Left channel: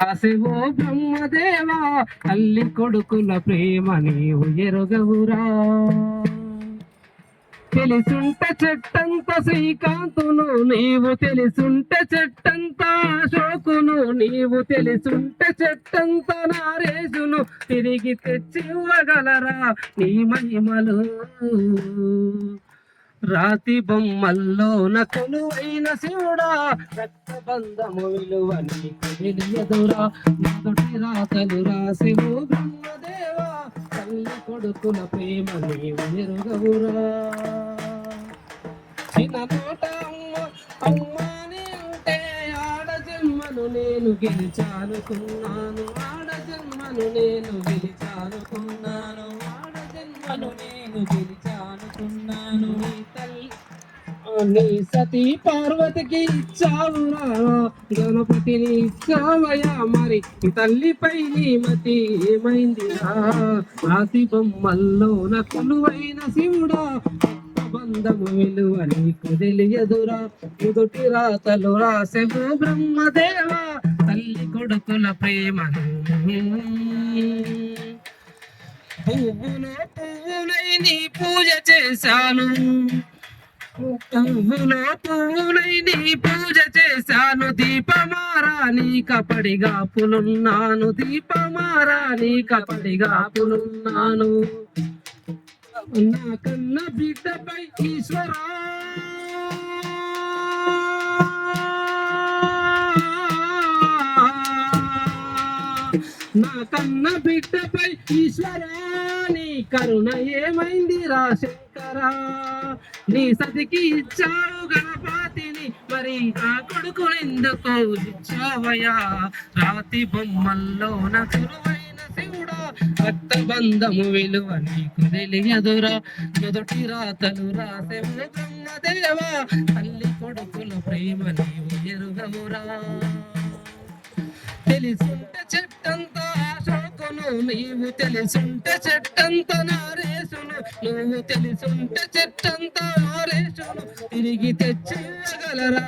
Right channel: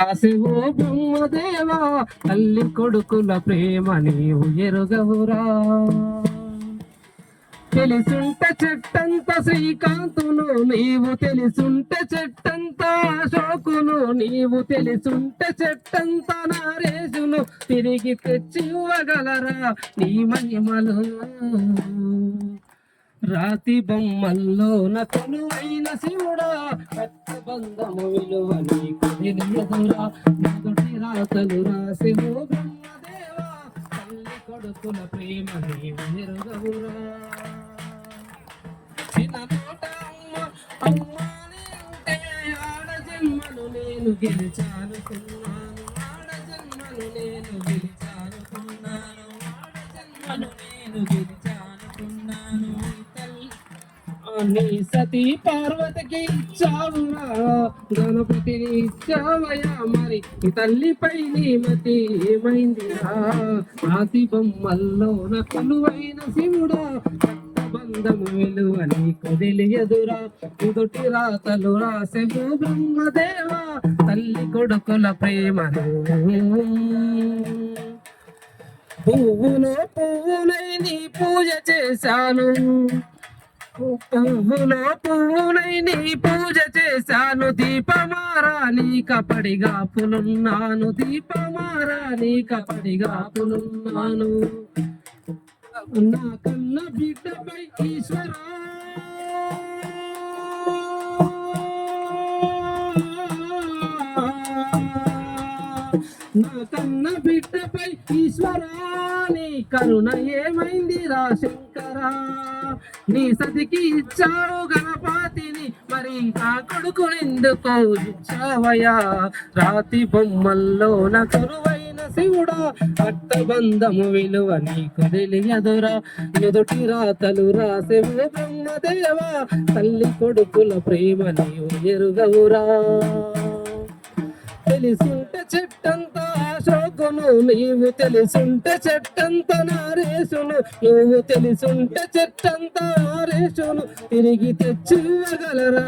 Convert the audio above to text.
రాసేవో బ్రహ్మదేవా తల్లి కొడుకుల ప్రేమ నీవు ఎరుగవురా. తెలిసుంట చెట్టంత శ్రీకాంతును నీవు తెలిసుంట చెట్టంత అశోకును నీవు తెలిసుంట చెట్టంత నారేసును తిరిగి తెచ్చి ఇవ్వగలరా నీ మహిమలు. రాతి బొమ్మల్లోన కొలువైన శివుడా రక్తబంధము విలువ నీకు తెలియదురా. మొదటి రాతలు రాసివు బ్రహ్మదేవా తల్లి కొడుకుల ప్రేమ నీవు ఎరుగవురా అమ్మాని ఉంటే ఆడజన్మను నేను గెలిచానుకున్నాను. ఆడజన్మను నేను గెలిచానుకున్నాను. ఆడజన్మను నేను గెలిచాను నీ సతీ పార్వతికి ఇచ్చావురా గణపతిని ఇచ్చావయా మరి తల్లిపై నీ మతి ఏమైందిరా రాతి బొమ్మల్లో నా కొలువైన శివుడా బంధము విలువ నీకు తెలియదురా ఎదుటి రాతలు రాసెవు బ్రహ్మదేవా తల్లి కొడుకుల ప్రేమను. పువ్వును పువ్వునై నీ పూజ చేశాను. పువ్వులో పువ్వులై నీ పూజ చేశాను. దీపమారా నీ కపడిగా పులున్నాను. దీపమారా నీ కపడిగా పులున్నాను. నా కన్న బిడ్డపై ఈశ్వరా. నా కన్న బిడ్డపై ఈశ్వరాని కరుణ ఏమైంది రా శంకరా? నీ సతికి ఇచ్చావు గణపతిని మరి ఆ కొడుకు ఎందుకో ఇచ్చావయా రాతి బొమ్మల్లో నా కురువైన శివుడా రక్తబంధము విలువ నీకు తెలియదురా. ఎదుటి రాతలు రాసేవు బ్రహ్మదేవా తల్లి కొడుకుల ప్రేమ నీవు ఎరుగవురా. తెలిసింటే చెట్టంత అశోకును నీవు తెలిసింటే చెట్టంత నారేసును నువ్వు తెలిసింటే చెట్టంత నారేసును తిరిగి తెచ్చి ఇవ్వగలరా